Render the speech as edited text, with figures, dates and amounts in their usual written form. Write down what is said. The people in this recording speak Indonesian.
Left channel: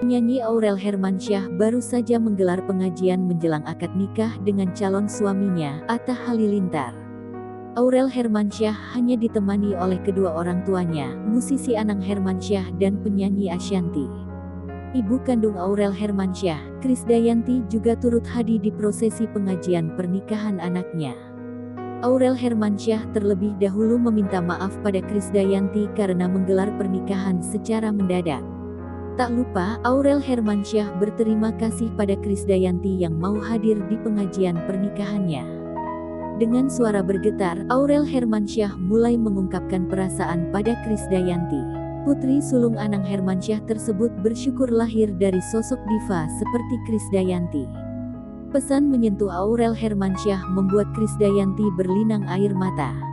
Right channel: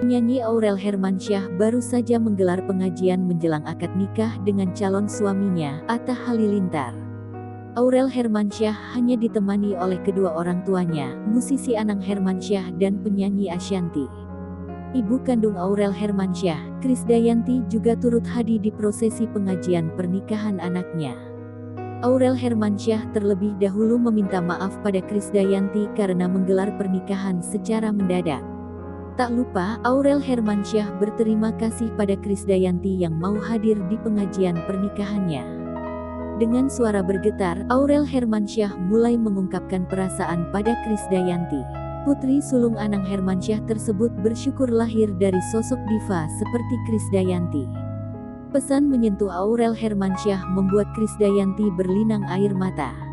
Penyanyi Aurel Hermansyah baru saja menggelar pengajian menjelang akad nikah dengan calon suaminya, Atta Halilintar. Aurel Hermansyah hanya ditemani oleh kedua orang tuanya, musisi Anang Hermansyah dan penyanyi Ashanty. Ibu kandung Aurel Hermansyah, Krisdayanti juga turut hadir di prosesi pengajian pernikahan anaknya. Aurel Hermansyah terlebih dahulu meminta maaf pada Krisdayanti karena menggelar pernikahan secara mendadak. Tak lupa, Aurel Hermansyah berterima kasih pada Krisdayanti yang mau hadir di pengajian pernikahannya. Dengan suara bergetar, Aurel Hermansyah mulai mengungkapkan perasaan pada Krisdayanti. Putri sulung Anang Hermansyah tersebut bersyukur lahir dari sosok diva seperti Krisdayanti. Pesan menyentuh Aurel Hermansyah membuat Krisdayanti berlinang air mata.